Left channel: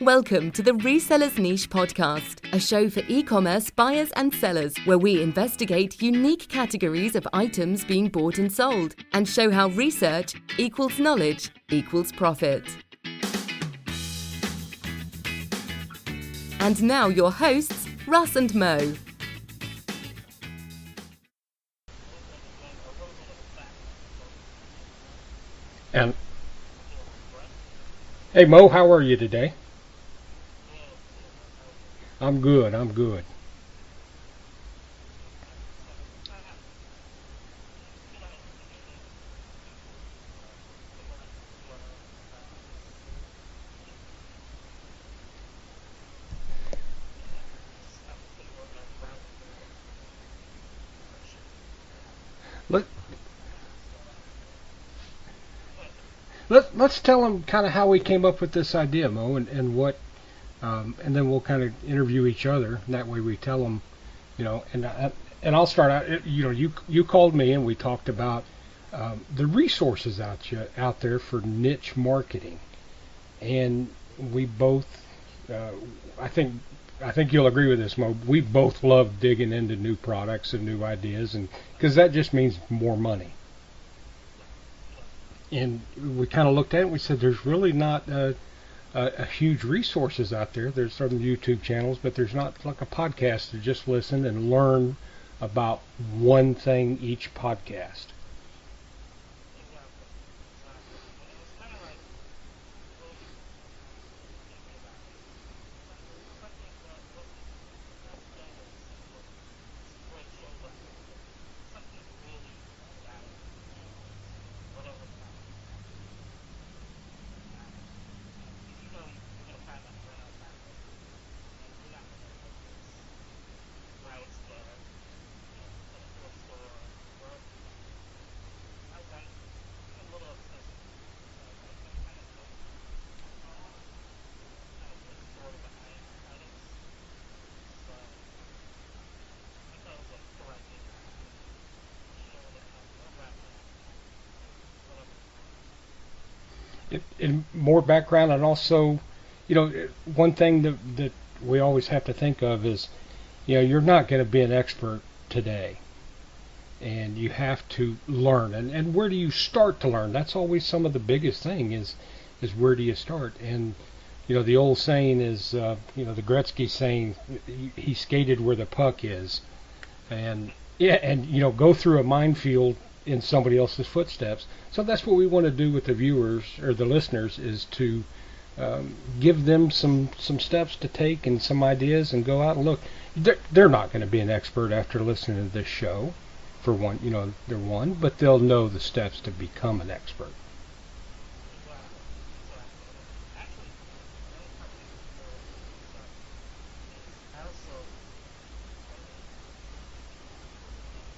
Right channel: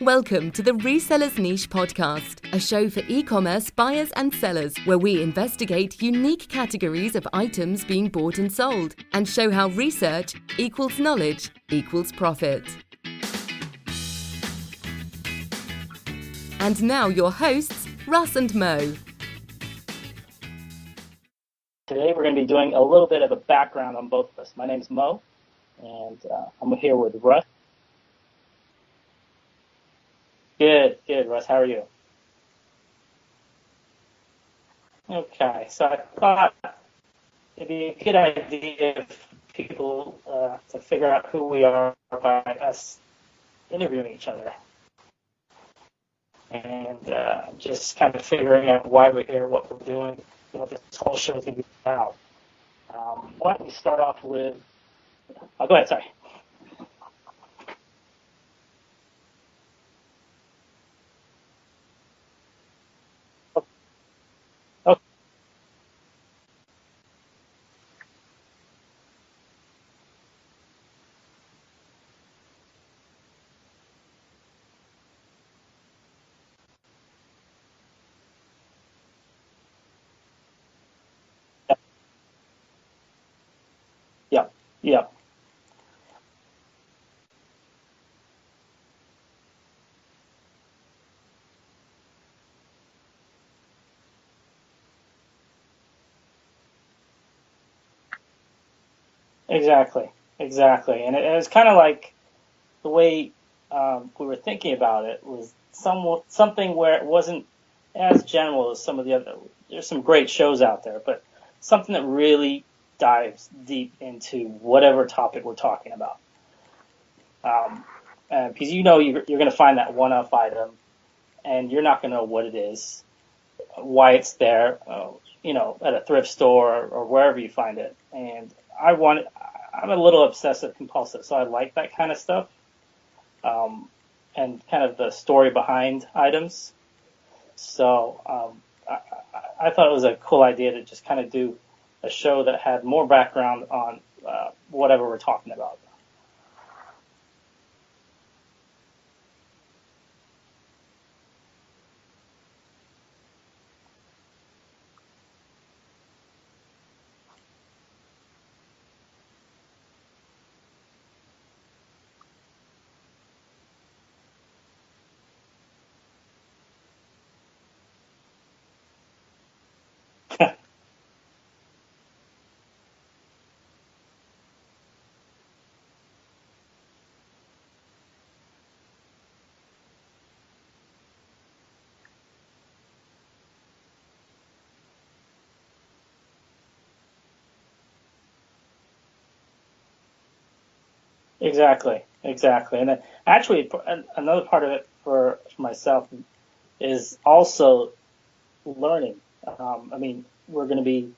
Welcome to the Reseller Niche Podcast, a show for e-commerce buyers and sellers where we investigate unique categories of items being bought and sold and show how research equals knowledge equals profit. And now your hosts, Russ and Mo. Today we're going to be doing a little bit of a background on both of us. My name is Mo, and I'm here with Russ. Hey Mo, how are you today? Good, Russ. How are you? I'm good. Okay, so I thought it'd be a good idea if people to figure out who we are by us interviewing each other. And just kind of figuring out why we're here, what we're doing, what this whole show is going to be about. Why don't we start off with... Oh, go ahead, sorry. Let's tell them kind of how we came up with this idea, Mo, and what... and then we'll kind of interview each other. And that way we tell them, and I'll start out. You called me and we talked about the resources out there for niche marketing, and we both, I think you'll agree with this, Mo. We both love digging into new products and new ideas, and because that just means more money. Yeah. And we kind of looked at it and we said, there's really not a huge resources out there. There's certain YouTube channels, but there's not like a podcast to just listen and learn about one thing each podcast. Exactly. And it was kind of like the way we were thinking about it was something where it wasn't as general as some of the other. There's some great shows out there, but something that really dives deep into whatever topic we're talking about. Because you're going to find that one-off item, and you're not going to know what it is, why it's there, at a thrift store or wherever you find it. And I'm a little obsessive compulsive, so I like that kind of stuff, and kind of the story behind items. So I thought it was a cool idea to just kind of do a show that had more background on whatever we're talking about. And more background, and also, one thing that we always have to think of is, you're not going to be an expert today, and you have to learn. And where do you start to learn? That's always some of the biggest thing is where do you start? And the old saying is, the Gretzky saying, he skated where the puck is, and go through a minefield in somebody else's footsteps. So that's what we want to do with the viewers or the listeners, is to give them some steps to take and some ideas, and go out and look. They're not going to be an expert after listening to this show, for one, they're one, but they'll know the steps to become an expert. Exactly. And then actually another part of it for myself is also learning. We're going to be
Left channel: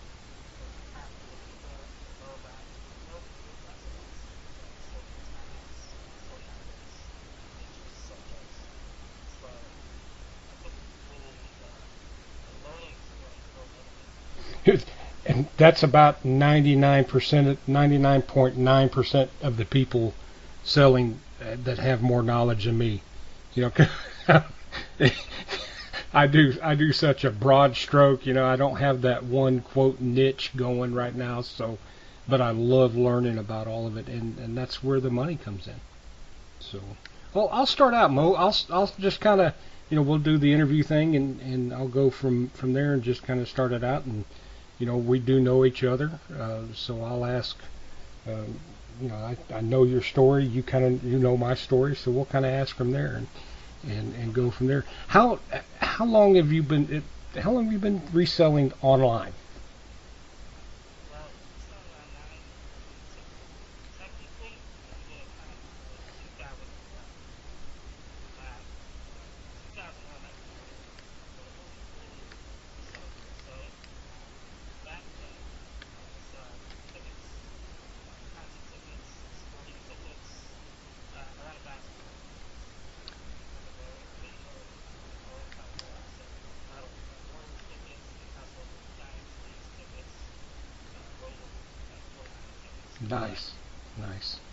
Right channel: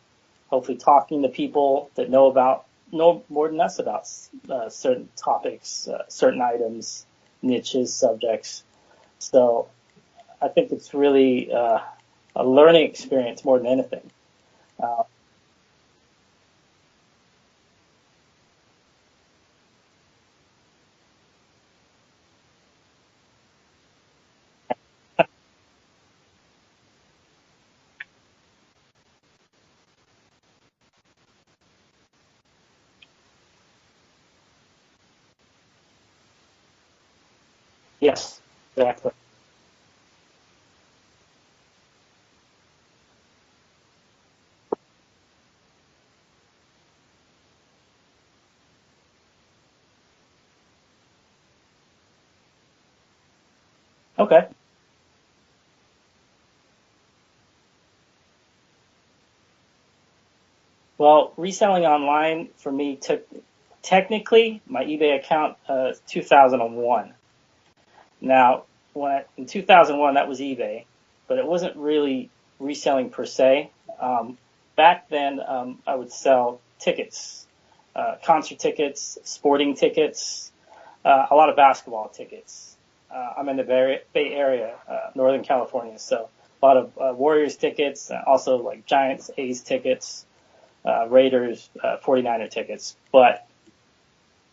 hopefully talking to people that know more than us about certain topics, certain items, niches, subjects. So I think it's really a learning experience more than anything. And that's about 99.9% of the people selling that have more knowledge than me. I do such a broad stroke, I don't have that one quote niche going right now, but I love learning about all of it, and that's where the money comes in. So, well, I'll start out, yes. Mo. I'll just kind of, we'll do the interview thing, and I'll go from there and just kind of start it out, and we do know each other, so I'll ask. I know your story, you know my story, so we'll kind of ask from there, and okay. Go from there. How long have you been reselling online? Well, reselling online for me took technically my eBay account 2001. Now, in 2001 that was eBay, but it wasn't really reselling per se. Back then, I would sell tickets, concert tickets, sporting tickets, a lot of basketball tickets. I'm in the Bay Area, Northern California, so a lot of Warriors tickets, also like Giants, A's tickets, Raiders, 49er tickets. Nice.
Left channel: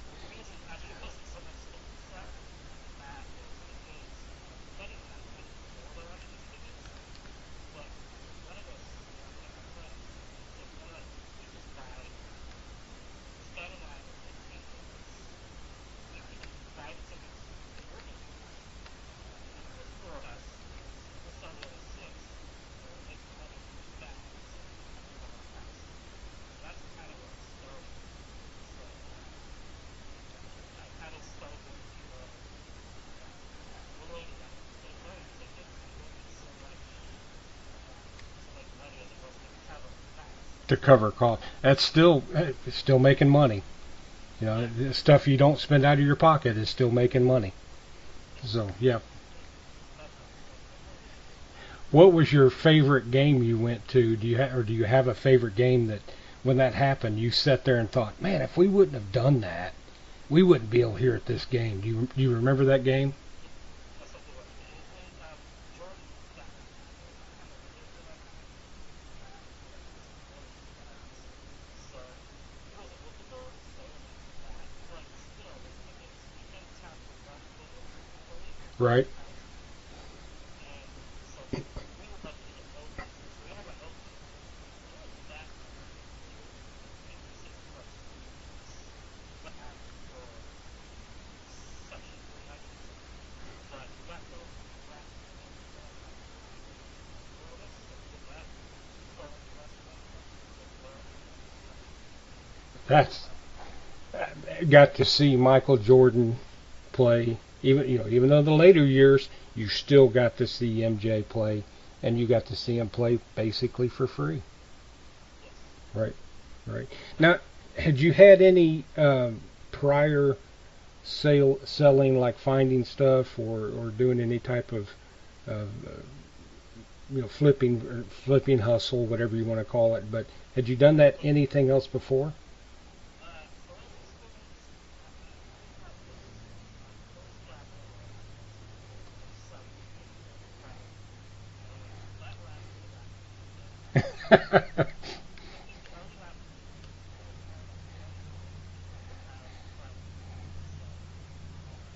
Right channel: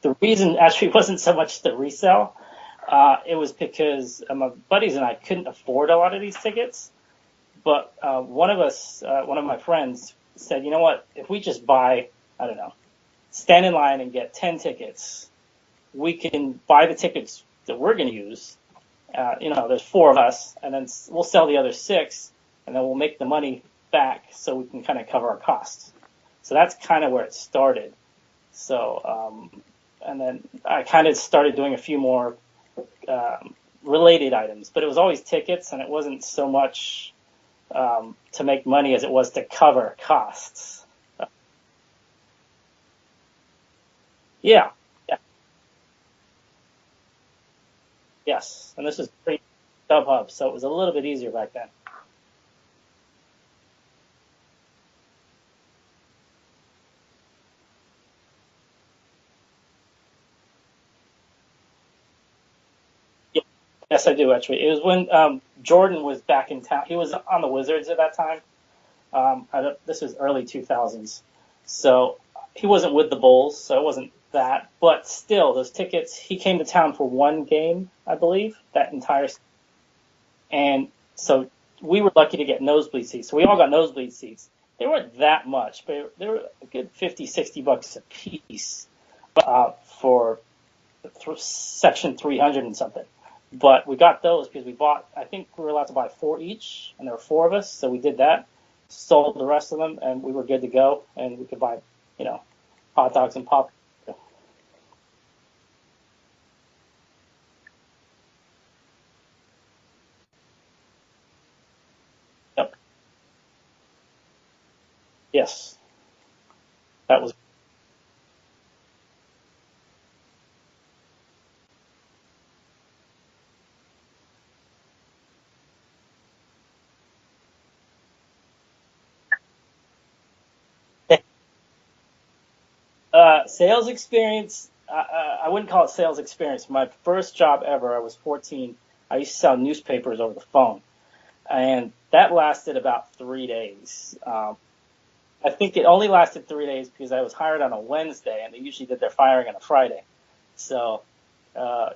The reason actually wasn't so much to resell. It was because my buddies and I couldn't afford a lot of these tickets. But one of my friends said, you know what, if we just buy, I don't know, stand in line and get 10 tickets, we can buy the tickets that we're going to use. There's 4 of us, and then we'll sell the other 6, and then we'll make the money back so we can kind of cover our costs. So that's kind of where it started. So, and then I kind of started doing a few more related items, but it was always tickets, and it wasn't so much to make money as it was to cover costs. To cover costs. That's still making money. Yeah. The stuff you don't spend out of your pocket is still making money. Yes. So, and this was pre-StubHub, so it was a little bit easier back then. What was your favorite game you went to? Do you have a favorite game that when that happened you sat there and thought, man, if we wouldn't have done that, we wouldn't be able here at this game? Do you remember that game? Yeah. Yes, I do actually. It was when Jordan was back in town. He was on the Wizards at that time. This was early 2000s, so he wasn't with the Bulls, so it wasn't that. But still, those tickets. He came to town for one game, I believe, that right. entire. And so we were lucky to get nosebleed seats. So we all got nosebleed seats. They weren't that much, but they were a good $50-$60 a piece for section 300 and something. But we got those because we bought, I think we were allowed to buy 4 each, and there were 4 of us, so we did that, sold the rest of them, and we were good to go, and we could buy, hot dogs and pop. Got to see Michael Jordan play, even though the later years, you still got to see MJ play, and you got to see him play basically for free. Yes. Right. Now, had you had any prior selling, like finding stuff or doing any type of flipping hustle, whatever you want to call it, but had you done that anything else before? Sales experience, I wouldn't call it sales experience. My first job ever, I was 14, I used to sell newspapers over the phone, and that lasted about 3 days. I think it only lasted 3 days because I was hired on a Wednesday, and they usually did their firing on a Friday. So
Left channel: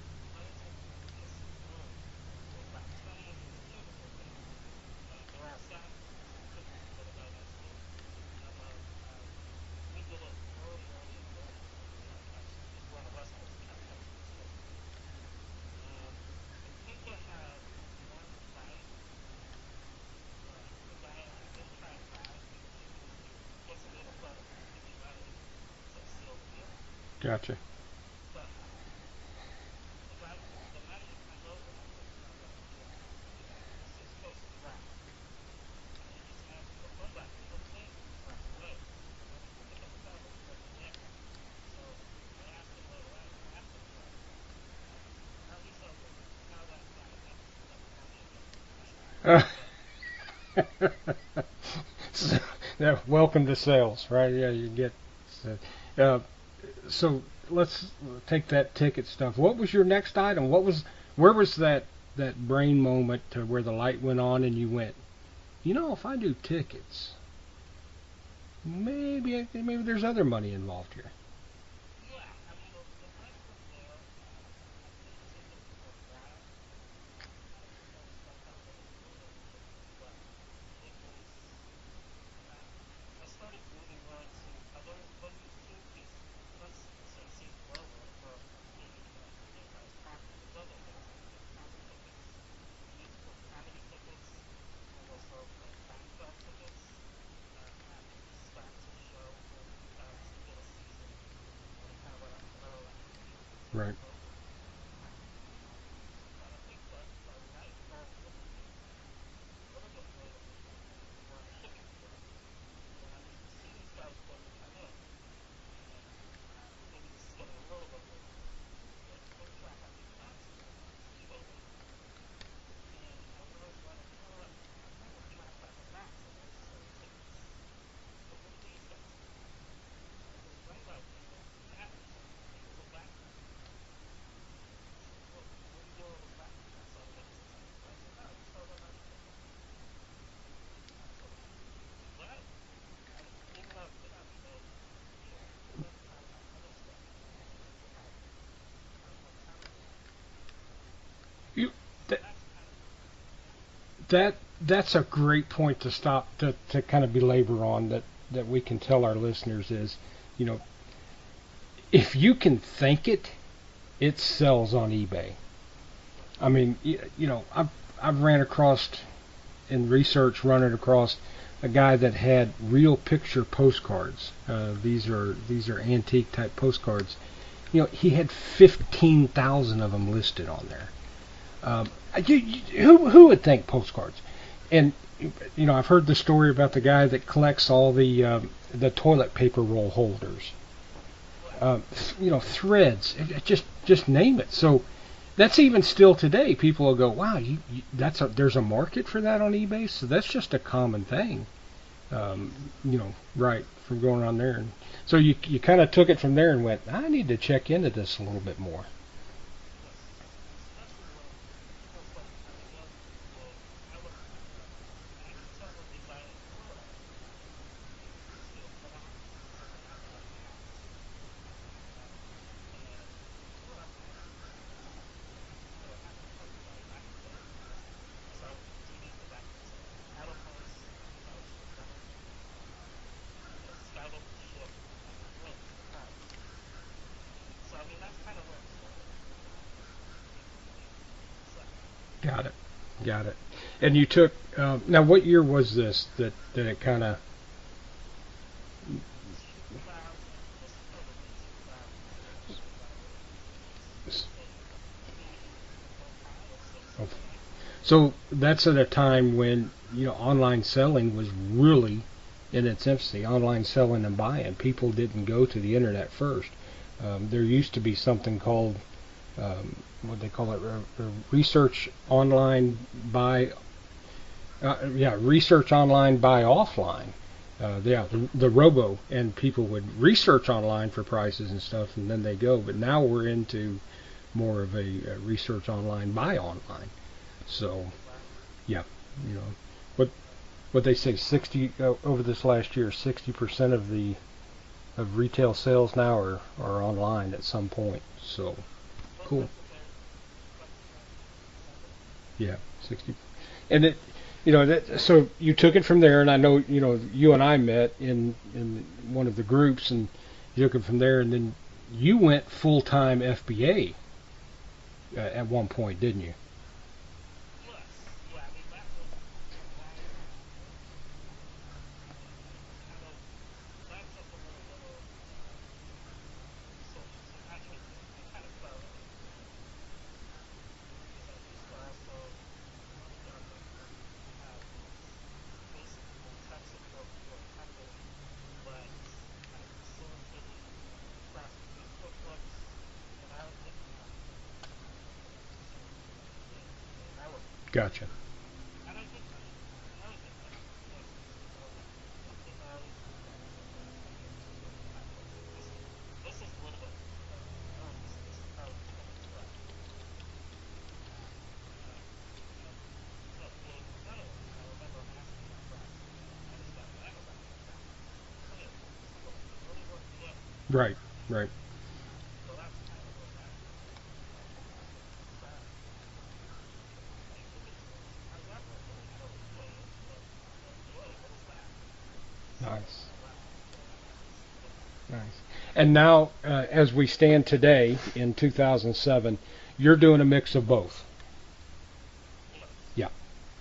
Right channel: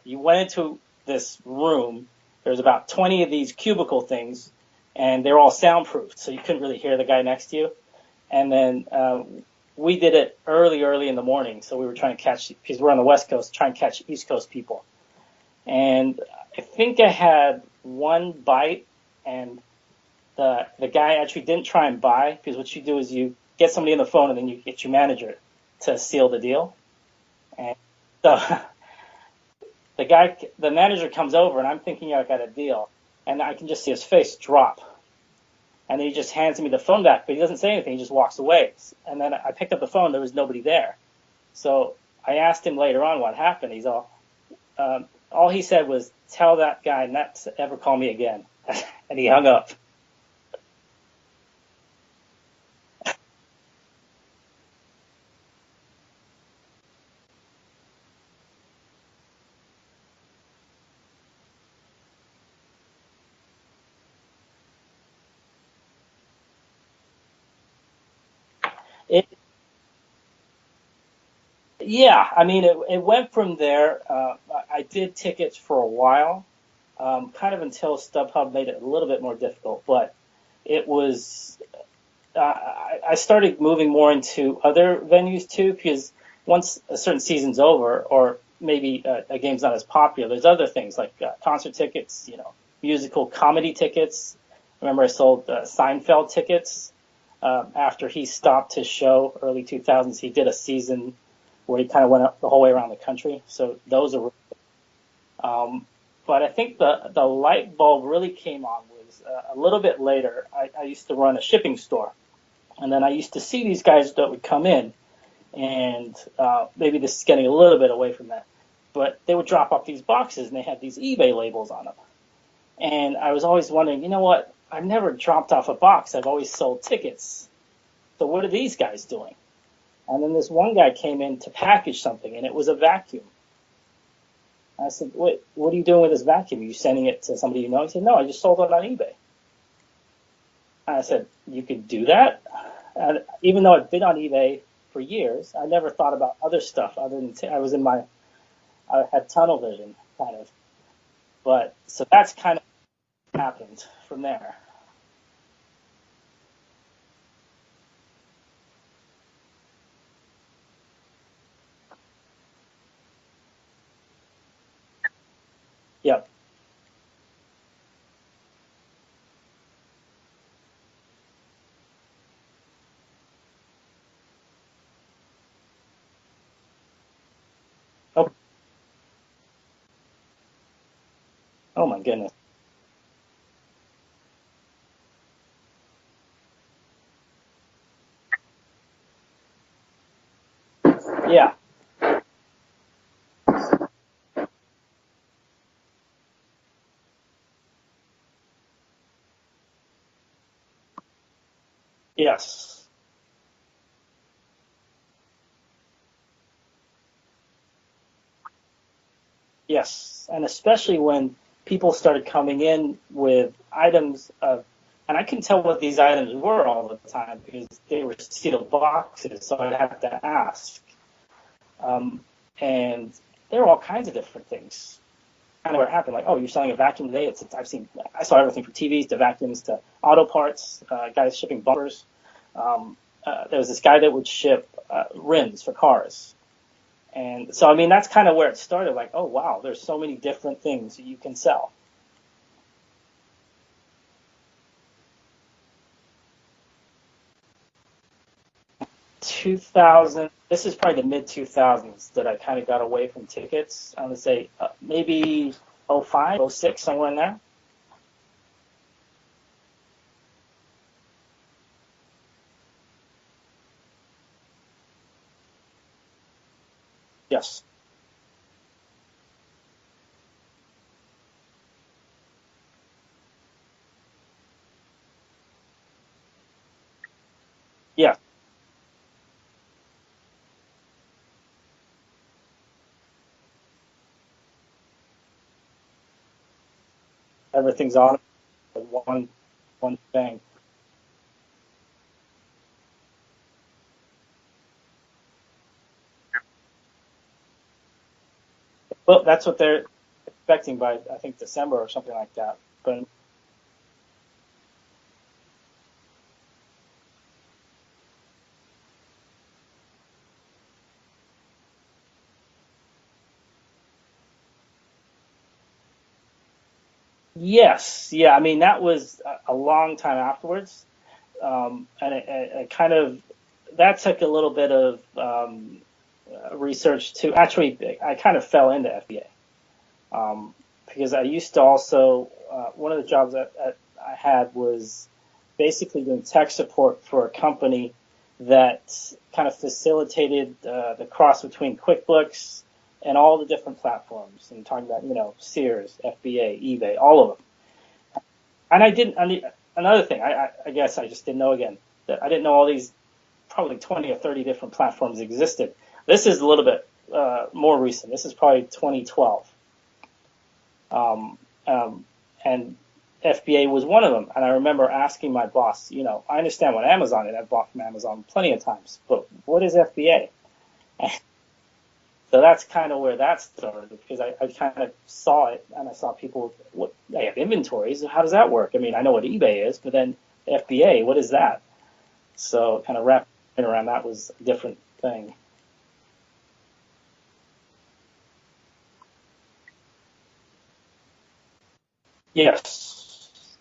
you went into this room. There was about 20 of these cubicle things, and they were all soundproofed, so you couldn't really hear the guy next to you. And then we did it early in the morning, so we were trying to catch, because we're on the West Coast, trying to catch East Coast people. And I think I had one bite, and the guy actually didn't try and buy, because what you do is you get somebody on the phone, and then you get your manager to seal the deal. Gotcha. And so the manager comes over, and I'm thinking I got a deal, and I can just see his face drop. And he just hands me the phone back, but he doesn't say anything. He just walks away. And then I picked up the phone. There was nobody there. So I asked him later on what happened. He's all he said was, "Tell that guy not to ever call me again." And he hung up. Welcome to sales, right? Yeah, you get. So let's take that ticket stuff. What was your next item? Where was that brain moment to where the light went on and you went, if I do tickets, maybe there's other money involved here. Yeah, I mean, it went from there. I did tickets for a while, kind of until StubHub made it a little bit more difficult. But it was, I started moving more into other venues too, because once a certain season's over, or maybe a game's not as popular, there's other things like concert tickets, musical comedy tickets. Remember, I sold Seinfeld tickets after he stopped his show early 2000s. He did a season where he kind of went up the whole way around the country. So right. Those are. But I think the light bulb really came on was a little bit later. I used to run a shipping store, and then I used to see these guys that would come in, and maybe this is getting a little bit away from that, but they would drop off these boxes, and they had these eBay labels on them. And I was always wondering, what? I've never dropped off a box. I've always sold tickets. So what are these guys doing? And then this one guy came in to package something, and it was a vacuum. I said, wait, what are you doing with this vacuum? Are you sending it to somebody you know? He said, no, I just sold it on eBay. And I said, you could do that? And even though I've been on eBay for years, I never thought about other stuff other than I had tunnel vision, kind of. But so that's kind of happened. That's a great point to stop to kind of belabor on that we can tell our listeners is, you know, if you can think it, it sells on eBay. Yep. I mean, you know, I've ran across in research running across a guy that had real picture postcards. These are antique type postcards. You know, he had 15,000 of them listed on there. Oh my goodness! Who would think postcards? And you know, I've heard the story about the guy that collects all the toilet paper roll holders. Yeah. You know, threads. Just name it. So that's even still today. People will go, wow, there's a market for that on eBay. So that's just a common thing. Yes. You know, right, from going on there. And so you kind of took it from there and went, I need to check into this a little bit more. Yes, and especially when people started coming in with items of, and I couldn't tell what these items were all the time because they were sealed boxes, so I'd have to ask. And there were all kinds of different things. Kind of what happened, like, oh, you're selling a vacuum today. I saw everything from TVs to vacuums to auto parts, guys shipping bumpers. There was this guy that would ship rims for cars. And so, I mean, that's kind of where it started. Like, oh, wow, there's so many different things you can sell. Got it. And you took, now what year was this that it kind of? 2000. This is probably the mid-2000s that I kind of got away from tickets. I would say maybe 05, 06, somewhere in there. So that's at a time when, you know, online selling was really in its infancy. Online selling and buying. People didn't go to the internet first. There used to be something called, what they call it, research online buy. Research online buy offline. The robo, and people would research online for prices and stuff, and then they go. But now we're into more of a research online buy online. So, everything's on. Yeah. One thing. What they say, over this last year, 60% of retail sales now are online at some point. So. Well, that's what they're expecting by, I think, December or something like that. Yeah. 60. And it. You know, so you took it from there, and I know, you know, you and I met in one of the groups, and you took it from there, and then you went full-time FBA at one point, didn't you? Yes. Yeah, I mean, that was a long time afterwards, and it kind of, that took a little bit of research to, actually, I kind of fell into FBA, because I used to also, one of the jobs that I had was basically doing tech support for a company that kind of facilitated the cross between QuickBooks and all the different platforms. And talking about, you know, Sears, FBA, eBay, all of them. Gotcha. And I didn't. Another thing, I guess I just didn't know again that I didn't know all these probably 20 or 30 different platforms existed. This is a little bit more recent. This is probably 2012. And FBA was one of them. And I remember asking my boss, you know, I understand what Amazon is. I've bought from Amazon plenty of times, but what is FBA? Right. So that's kind of where that started, because I kind of saw it, and I saw people, they have inventories. How does that work? I mean, I know what eBay is, but then FBA, what is that? So kind of wrapping around that was a different thing. And now, as we stand today in 2007, you're doing a mix of both. Yes. Yeah.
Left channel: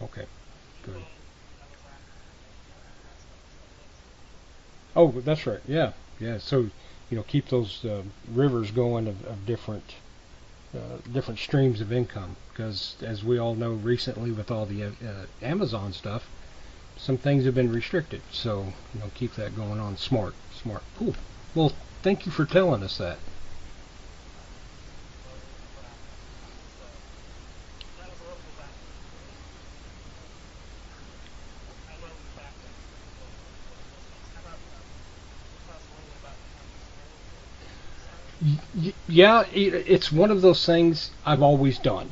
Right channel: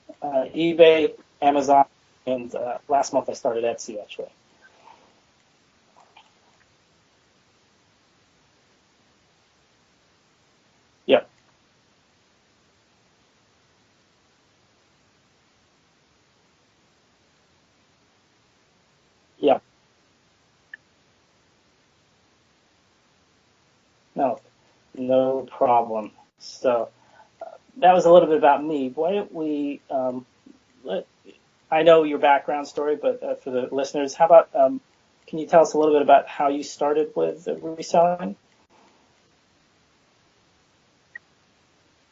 Okay. eBay, Amazon, and last month I started Etsy, actually. Oh, that's right. Yeah. So, you know, keep those rivers going of different different streams of income, because as we all know, recently with all the Amazon stuff, some things have been restricted. So, you know, keep that going on. Smart. Cool. Well, thank you for telling us that. No problem. So that was a little bit about me. Why don't we, I know your background story, but for the listeners, how about, can you tell us a little bit about how you started with reselling? Yeah, it's one of those things I've always done.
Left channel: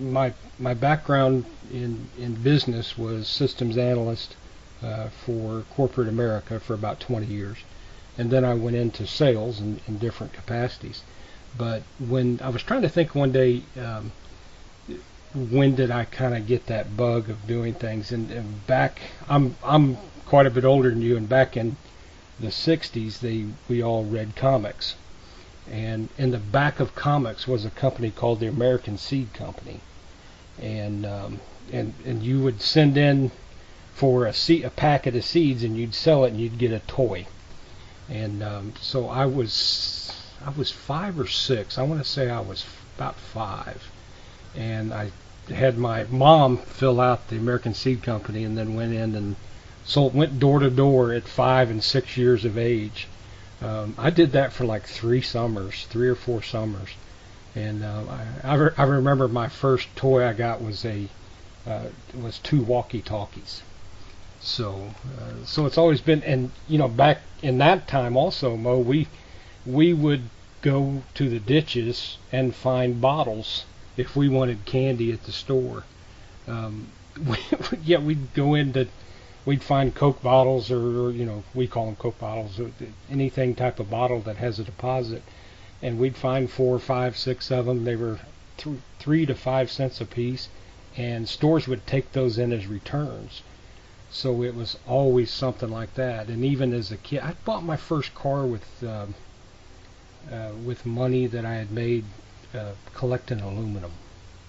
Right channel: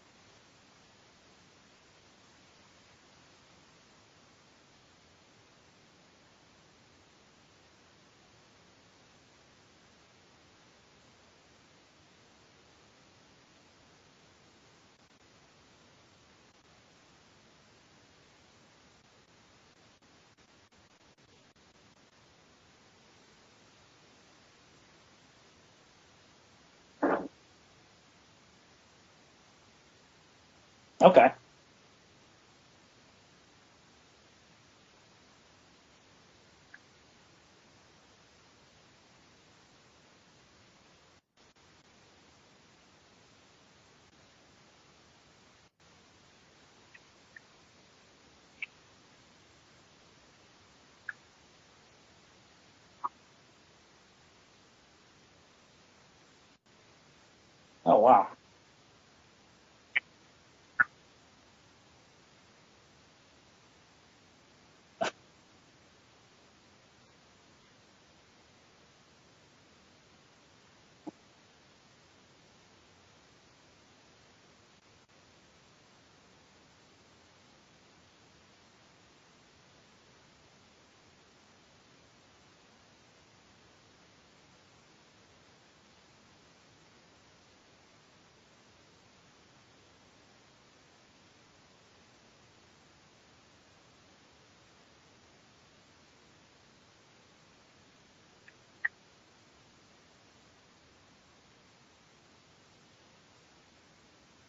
My background in business was systems analyst for corporate America for about 20 years. And then I went into sales in different capacities. But when I was trying to think one day, when did I kind of get that bug of doing things? And back, I'm quite a bit older than you, and back in the '60s, we all read comics, and in the back of comics was a company called the American Seed Company, and Okay. And you would send in for a packet of seeds, and you'd sell it, and you'd get a toy. And so I was 5 or 6. I want to say I was about 5, and I had my mom fill out the American Seed Company, and then went in and went door to door at 5 and 6 years of age. I did that for like 3 or 4 summers, and Oh, wow. I remember my first toy I got was was 2 walkie-talkies. So it's always been, and back in that time also, Mo, we would go to the ditches and find bottles if we wanted candy at the store. We'd go into, we'd find Coke bottles, or we call them Coke bottles, or anything type of bottle that has a deposit, and we'd find 4, 5, 6 of them. They were 3 to 5 cents a piece, and stores would take those in as returns. So it was always something like that. And even as a kid, I bought my first car with money that I had made collecting aluminum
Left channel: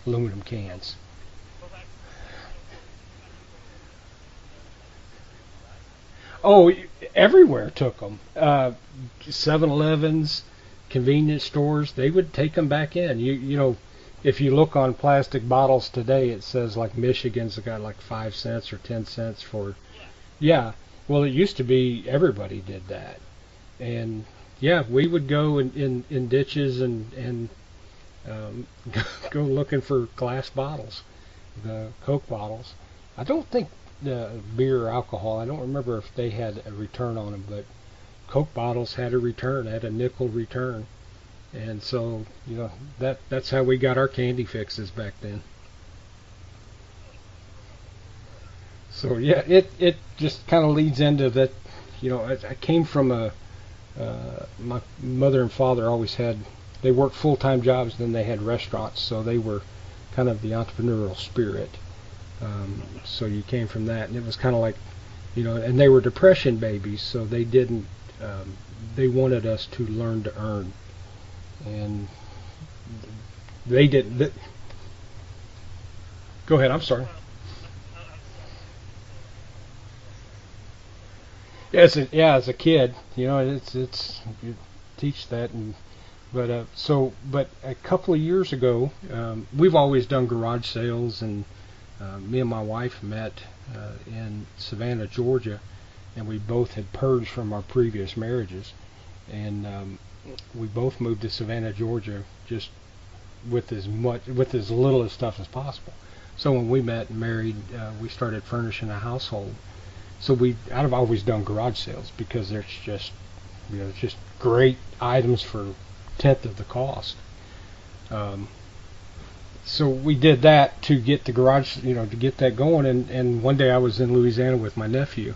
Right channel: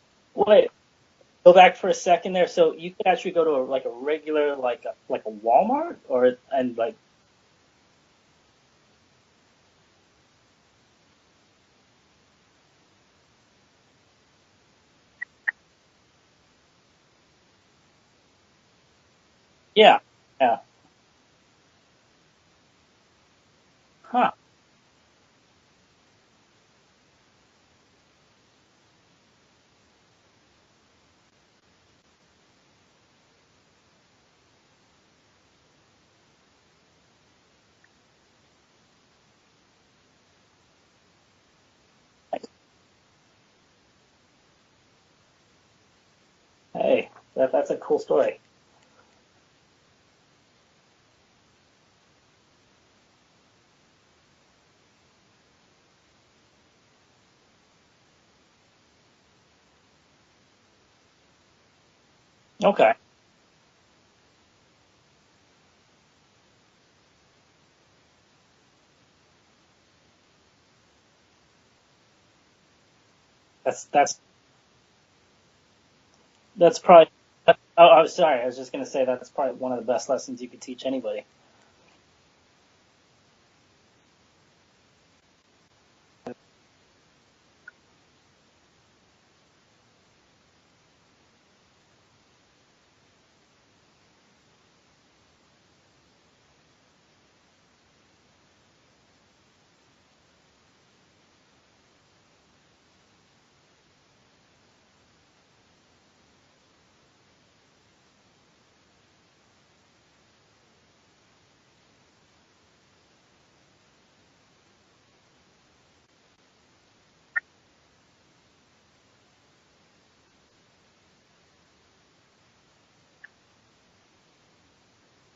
Wait. cans. Go back for a second there. So you could actually go to a regular, like a Walmart, or Everywhere took them. 7-Elevens, convenience stores, they would take them back in. If you look on plastic bottles today, it says like Michigan's got like 5 cents or 10 cents for. Yeah. Yeah. Well, it used to be everybody did that, and we would go in ditches and go looking for glass bottles, the Coke bottles. I don't think beer or alcohol, I don't remember if they had a return on them, but Coke bottles had a return, had a nickel return. And so, that's how we got our candy fixes back then. Hey, that's a cool story. So yeah, it just kind of leads into that. I came from my mother and father always they worked full-time jobs, then they had restaurants, so they were kind of the entrepreneurial spirit. Okay. So you came from that, and it was kind of like, and they were depression babies, so they didn't. They wanted us to learn to earn. And they did. Go ahead. That's probably. I'm sorry. I was just going to say that's probably one of the best lessons you could teach anybody. As a kid, it's you teach that, but a couple of years ago, we've always done garage sales, and me and my wife met in Savannah, Georgia, and we both had purged from our previous marriages, and we both moved to Savannah, Georgia, just with as little stuff as possible. So when we met and married, we started furnishing a household. So I've always done garage sales because there's just great items for 1/10 of the cost. So we did that to get the garage, to get that going. And one day I was in Louisiana with my nephew,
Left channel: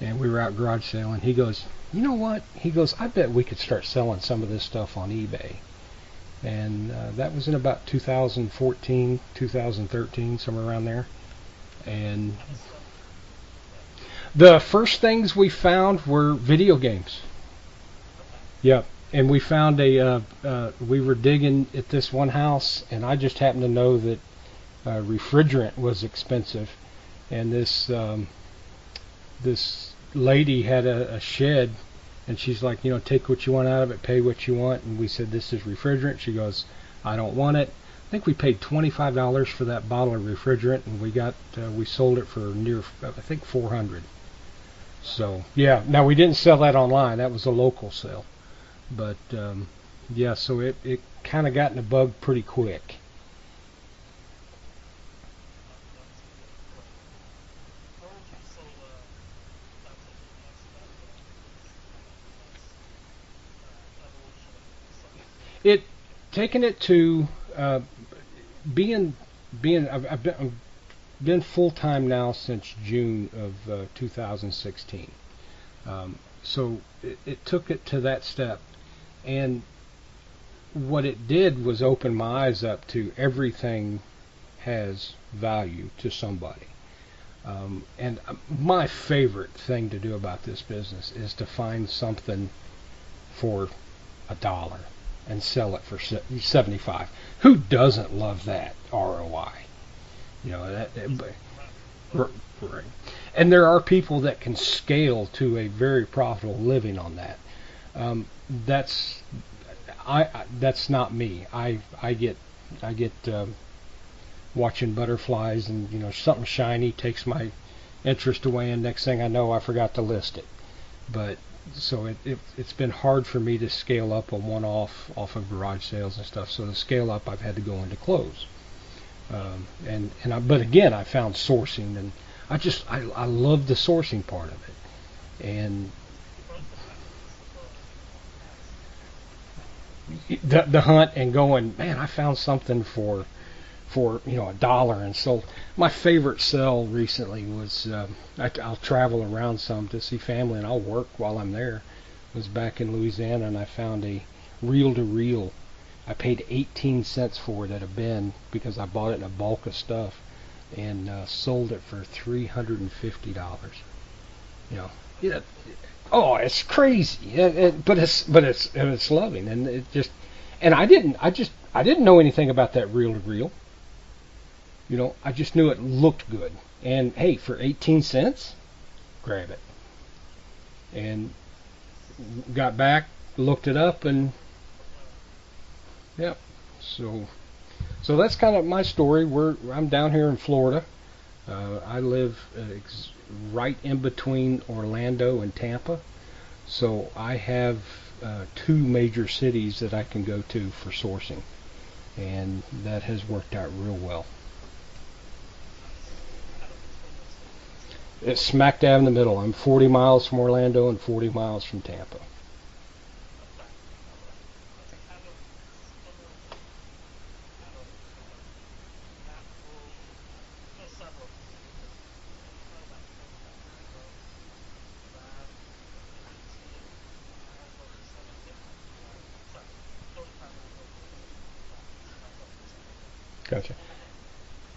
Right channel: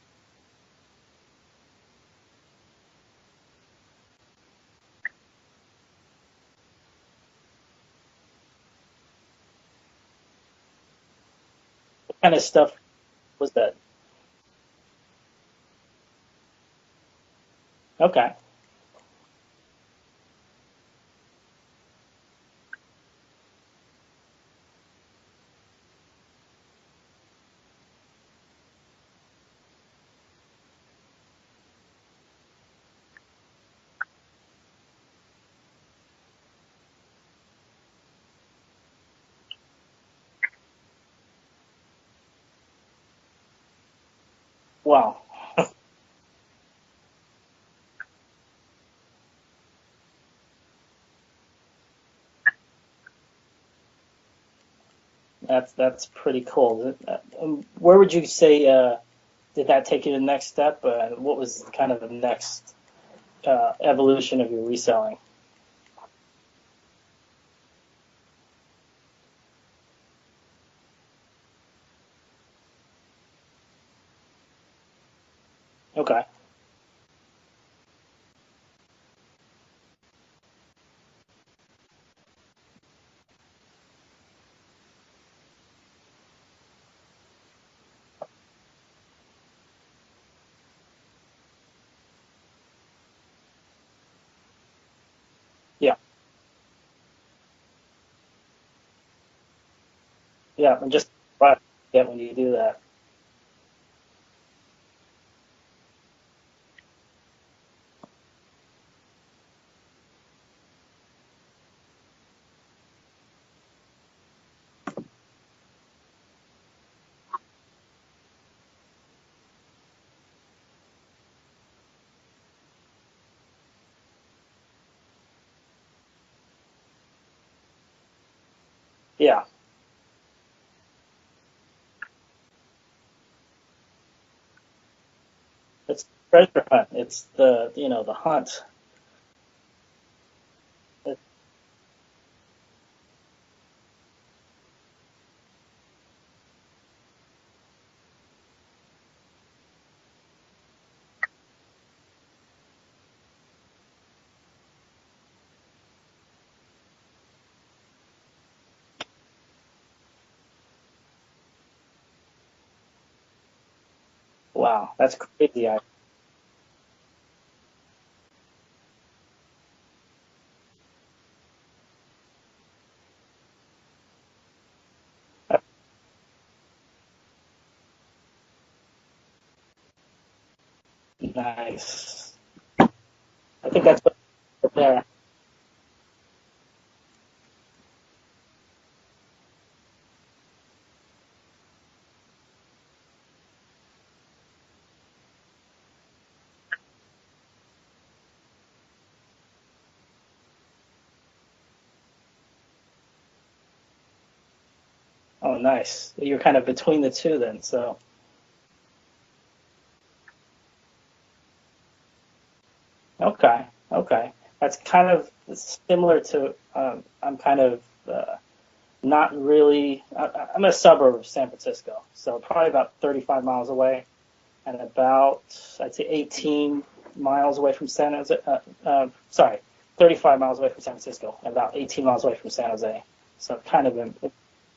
and we were out garage sale, and he goes, "You know what?" He goes, "I bet we could start selling some of this stuff on eBay." And that was in about 2014, 2013, somewhere around there. And What kind of stuff was that? The first things we found were video games. Okay. Yeah, and we found we were digging at this one house, and I just happened to know that refrigerant was expensive, and this lady had a shed, and she's like, take what you want out of it, pay what you want. And we said, this is refrigerant. She goes, I don't want it. I think we paid $25 for that bottle of refrigerant, and we sold it for near, I think, $400. Wow. So yeah, now we didn't sell that online. That was a local sale, but so it kind of got in the bug pretty quick. That's pretty cool. Where would you say did that take you to the next step? What was kind of the next evolution of your reselling? Taking it to being I've been full time now since June of 2016. Okay. So it took it to that step, and what it did was open my eyes up to everything has value to somebody. And my favorite thing to do about this business is to find something for $1 and sell it for 75. Who doesn't love that ROI? And just when you do that. Right. And there are people that can scale to a very profitable living on that. That's not me. I get watching butterflies and something shiny takes my interest away, and next thing I know I forgot to list it. But so it's been hard for me to scale up a one-off off of garage sales and stuff. So to scale up, I've had to go into close. Yeah. But again, I found sourcing, and I love the sourcing part of it. And it's treasure hunt. It's the hunt. The hunt and going, man, I found something for $1 and sold. My favorite sell recently was I'll travel around some to see family, and I'll work while I'm there. It was back in Louisiana, and I found a reel-to-reel. I paid 18 cents for it at a bin because I bought it in a bulk of stuff, and sold it for $350. Wow, that's crazy. Oh, it's crazy. But it's loving, and it just, and I didn't know anything about that reel-to-reel. I just knew it looked good, and hey, for 18 cents, grab it. And nice. Got back, looked it up, and there. Yep. So that's kind of my story. I'm down here in Florida. I live right in between Orlando and Tampa. So I have 2 major cities that I can go to for sourcing, and that has worked out real well. Oh, nice. You're kind of between the two then, so. It's smack dab in the middle. I'm 40 miles from Orlando and 40 miles from Tampa. Okay. That's kind of similar to, I'm kind of not really, I'm a suburb of San Francisco, so probably about 35 miles away, and about, I'd say 18 miles away from 35 miles away from San Francisco, and about 18 miles away from San Jose. So gotcha. Kind of in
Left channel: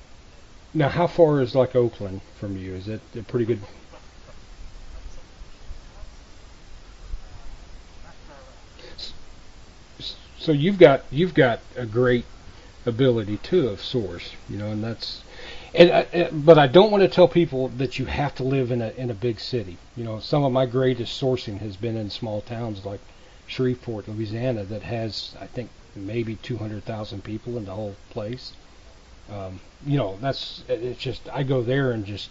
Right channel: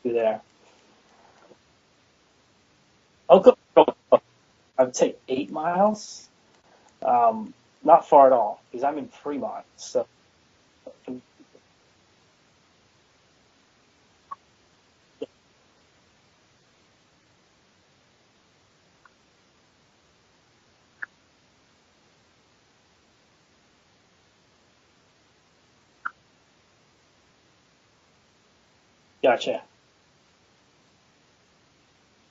there. Now, how far is like Oakland from you? Is it pretty good? I would say 8 miles. Not far at all, because I'm in Fremont. So you've got a great ability too of source, and that's, but I don't want to tell people that you have to live in a big city. Some of my greatest sourcing has been in small towns like Shreveport, Louisiana, that has, I think, maybe 200,000 people in the whole place. Gotcha. It's just, I go there and just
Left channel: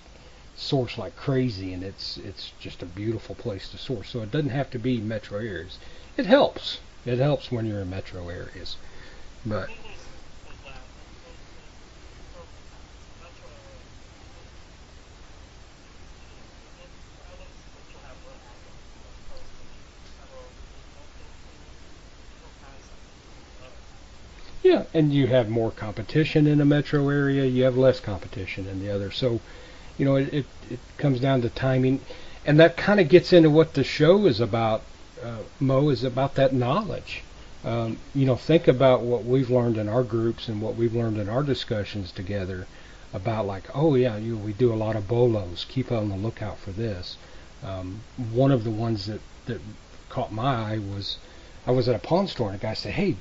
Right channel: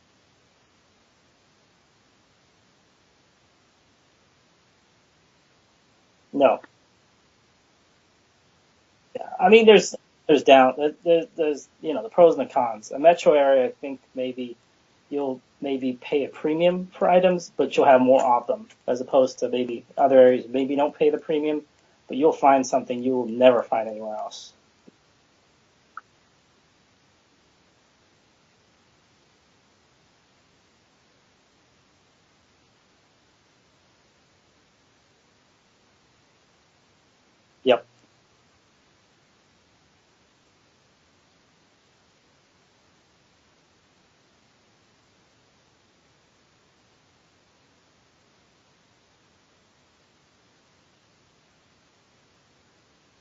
source like crazy, and it's just a beautiful place to source. So it doesn't have to be metro areas. It helps. No. It helps when you're in metro areas. Yeah, I mean, there's the pros and the cons. A metro area, I think you'll pay a premium for items, but you'll have more of them, as opposed to maybe other areas maybe don't pay the premium, but you'll find something you will never find anywhere else. Yeah, and you have more competition in a metro area. You have less competition in the other. So, it comes down to timing, and that kind of gets into what the show is about. Mo, is about that knowledge. Yep. Think about what we've learned in our groups and what we've learned in our discussions together about, like, we do a lot of bolos. Keep on the lookout for this. One of the ones that caught my eye was, I was at a pawn store and a guy said, hey,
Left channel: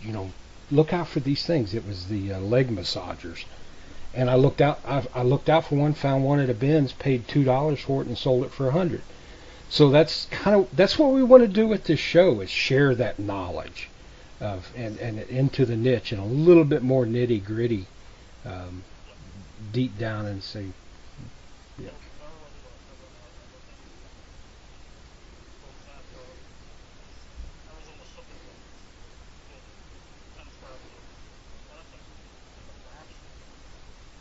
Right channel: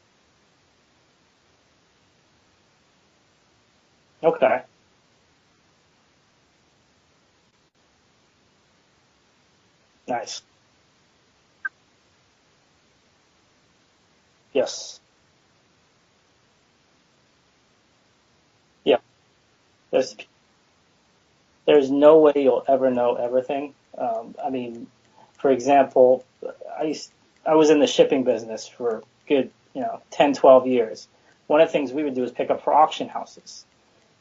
look out for these things. It was the leg massagers. And okay. I looked out for one, found one at a Ben's, paid $2 for it, and sold it for $100. So that's nice. That's what we want to do with this show, is share that knowledge, yes. and into the niche, and a little bit more nitty gritty, deep down, and see. There's no way you'll ever know everything. I mean, for example, I was in the shipping business for good 10, 12 years. One of the things we would do is pick up for auction houses.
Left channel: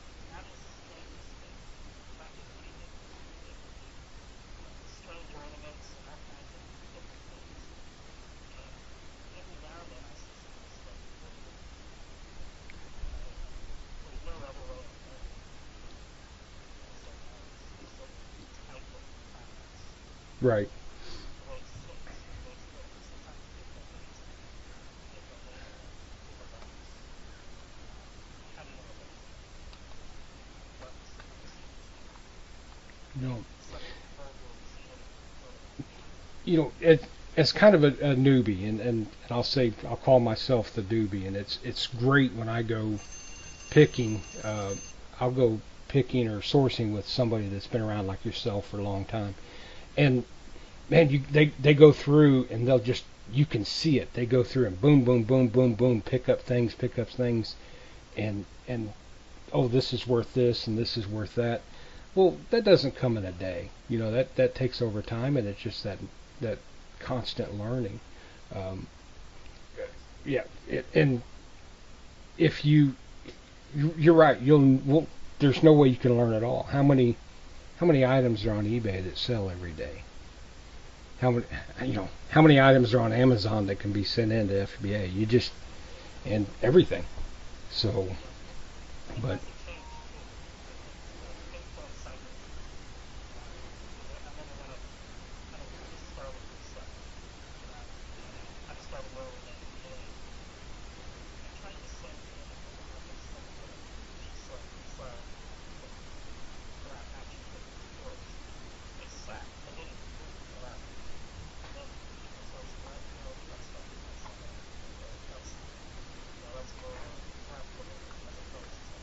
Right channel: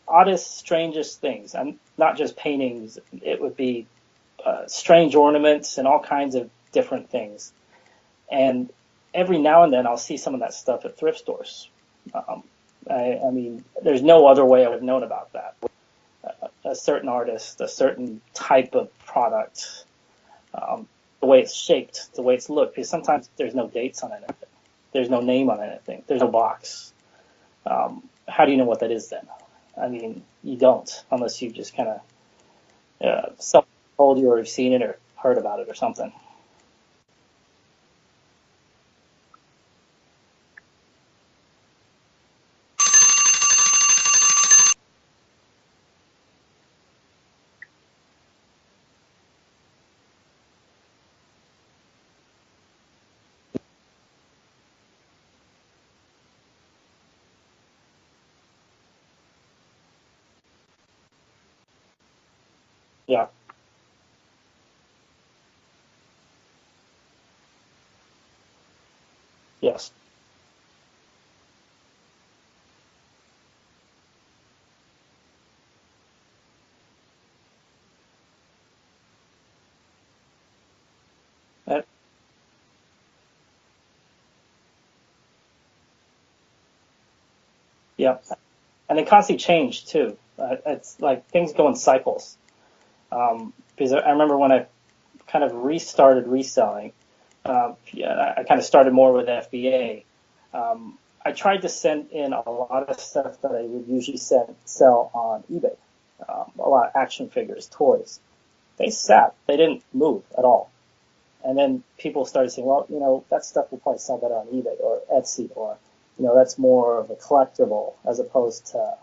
Oddest, strangest things. And not just paintings. It would be strange ornaments and all kinds of different things. And every now and then I'll see some of that stuff at thrift stores. I mean, there's no other way I would have known about that. A certain artist, a certain type of product, right? The way it's shaped, the way it's looked, because sometimes there's no dates on it. there's no name on anything. There's no box. How do you know what that is then? I mean, you don't unless you just kind of someone told you or you've seen it or heard about it or something. It's kind of a newbie, and I'll call myself the newbie, and it's great when I go picking. I'll go picking or sourcing with somebody that's been around like yourself for a long time, and man, they go through and you can see it. They go through and boom, boom, boom, boom, boom, pick up things, and oh, this is worth this and this is worth that. Well, that doesn't come in a day. That takes over time, and it's just that constant learning. Yes. Yeah, and if you're right, there's no way you can learn it all. How many items are on eBay that sell every day? How many items are on Amazon that can be sent into FBA? And everything. So yeah, and they constantly change too. It's like things go in cycles. Because I remember when I kind of restarted reselling, I kind of started more with FBA. I tried to send in a lot of stuff that I would usually sell on eBay. A lot of action figures, toys. They sat. They didn't move at all. And then people started saying, well, that stuff will probably sell better on eBay or Etsy, or, that's more of a collectible as opposed to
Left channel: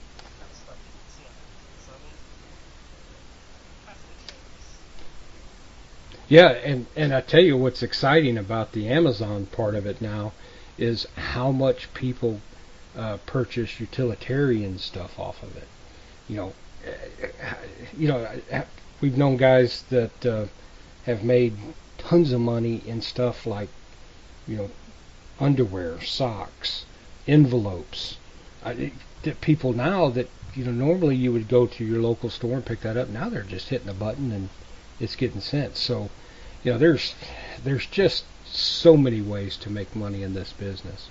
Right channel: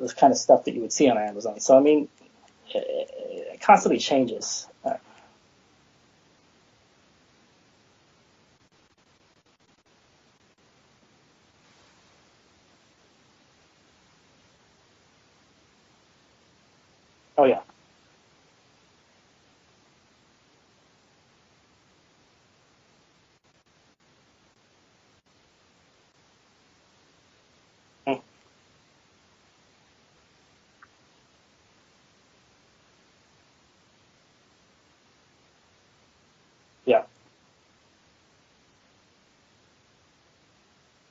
this kind of stuff that you would see on Amazon. So, I mean, it constantly changes. Yeah, and I tell you what's exciting about the Amazon part of it now is how much people purchase utilitarian stuff off of it. Oh yeah. We've known guys that have made tons of money in stuff like, underwear, socks, envelopes. People now that normally you would go to your local store and pick that up. Now they're just hitting a button and it's getting sent. So, there's just so many ways to make money in this business.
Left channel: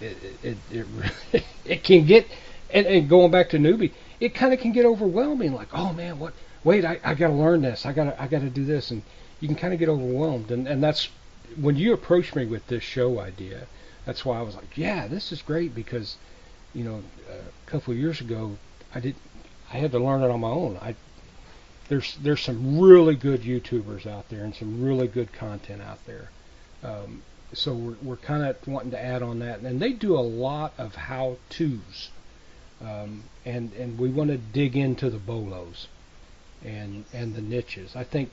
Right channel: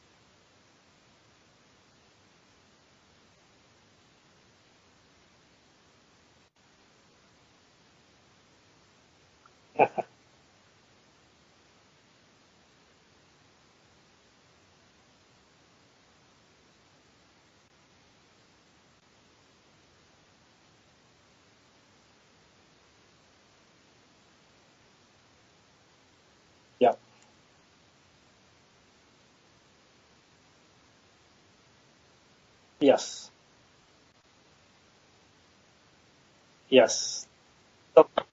It can get, and going back to newbie, it kind of can get overwhelming. Like, oh man, what? Wait, I got to learn this. I got to do this, and you can kind of get overwhelmed. And that's when you approached me with this show idea. That's why I was like, yeah, this is great because, a couple of years ago, I had to learn it on my own. There's some really good YouTubers out there and some really good content out there. Yeah. So we're kind of wanting to add on that, and they do a lot of how-tos. Yes. And we want to dig into the bolos. And the niches. I think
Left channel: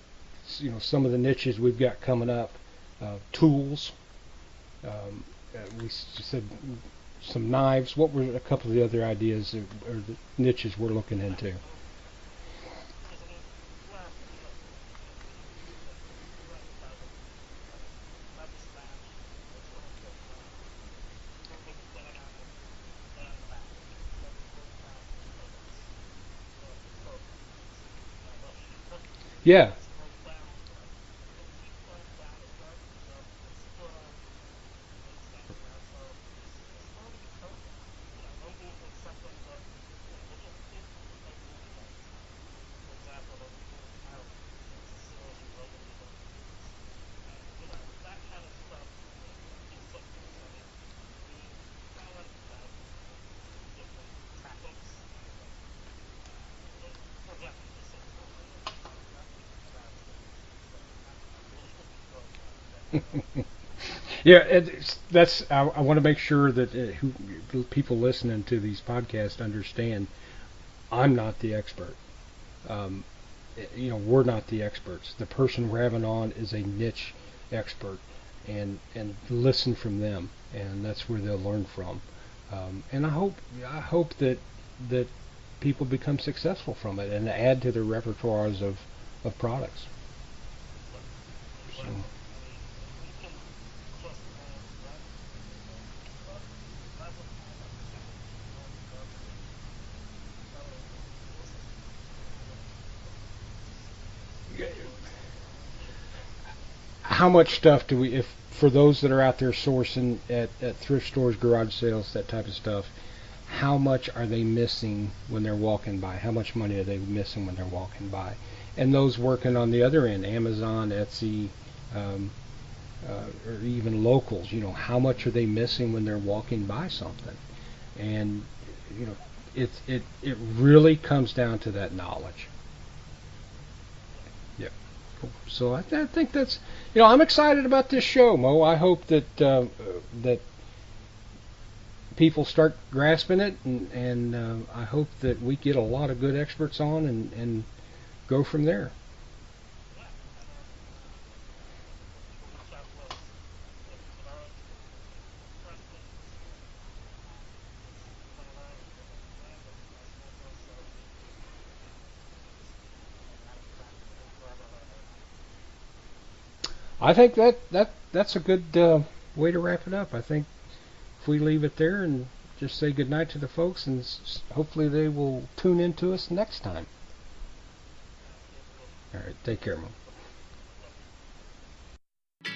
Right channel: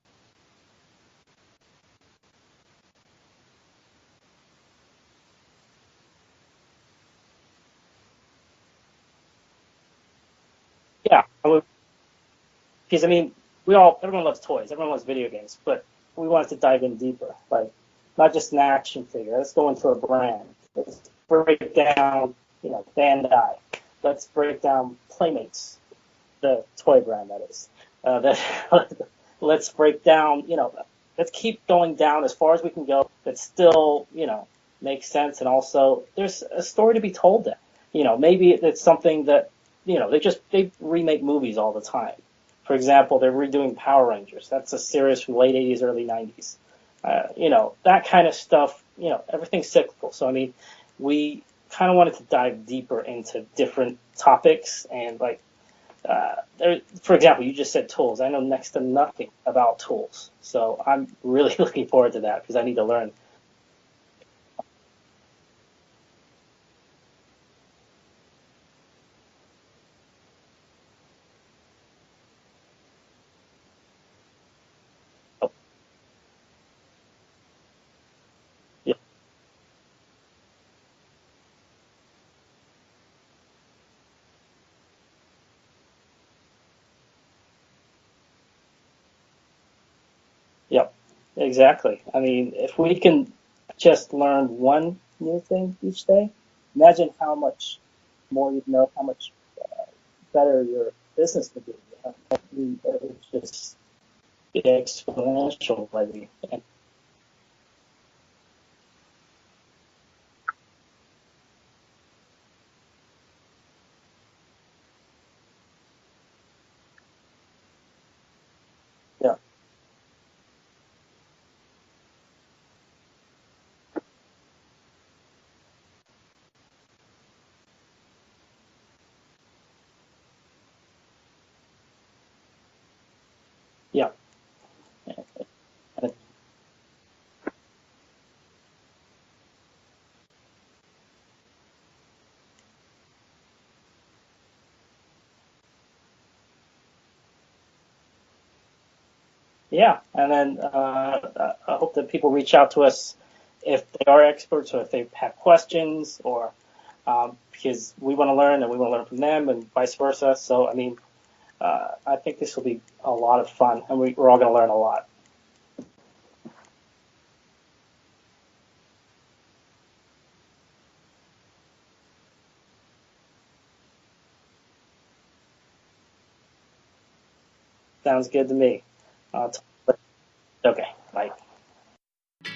some of the niches we've got coming up, tools. We said some knives. What were a couple of the other ideas or the niches we're looking into? Because everyone loves toys, everyone loves video games, but we wanted to dive in deeper. Like, not just an action figure. Let's go into a brand. Let's break down, Bandai. Let's break down Playmates, the toy brand that is. Let's break down, let's keep going down as far as we can go, but still, makes sense. And also there's a story to be told there. Maybe it's something that, they remake movies all the time. For example, they're redoing Power Rangers. That's a series from late 80s, early 90s. That kind of stuff, everything's cyclical. So, we kind of wanted to dive deeper into different topics and for example, you just said tools. I know next to nothing about tools, so I'm really looking forward to that because I need to learn. Yeah, I want to make sure that people listening to these podcasts understand I'm not the expert. We're not the experts. The person we're having on is a niche expert, and listen from them, and that's where they'll learn from. And I hope that people become successful from it and add to their repertoires of products. Yep, exactly. If we can just learn one new thing each day, imagine how much more you'd know, how much better your business would be. It's exponential. How much stuff do we, for those that are out there sourcing at thrift stores, garage sales, that type of stuff, how much are they missing when they're walking by? How much money are they missing when they're walking by? And those working on the other end, Amazon, Etsy, or even locals, how much are they missing when they're walking by something? And, it really comes down to that knowledge. Yeah. Yeah. So I think that's, I'm excited about this show, Mo. I hope that that people start grasping it, and I hope that we get a lot of good experts on and go from there. Yeah, and then I hope that people reach out to us if they are experts or if they have questions, or because we want to learn and we want to learn from them, and vice versa. So, I think this will be a lot of fun, and we're all going to learn a lot. I think that's a good way to wrap it up. I think if we leave it there and just say goodnight to the folks, and hopefully they will tune in to us next time. Sounds good to me. All right, take care, Mo. Okay, bye.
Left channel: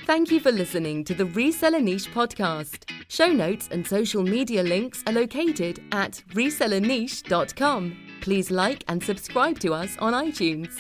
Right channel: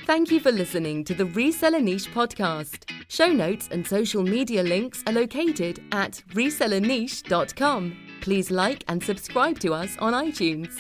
Thank you for listening to the Reseller Niche Podcast. Show notes and social media links are located at resellerniche.com. Please like and subscribe to us on iTunes.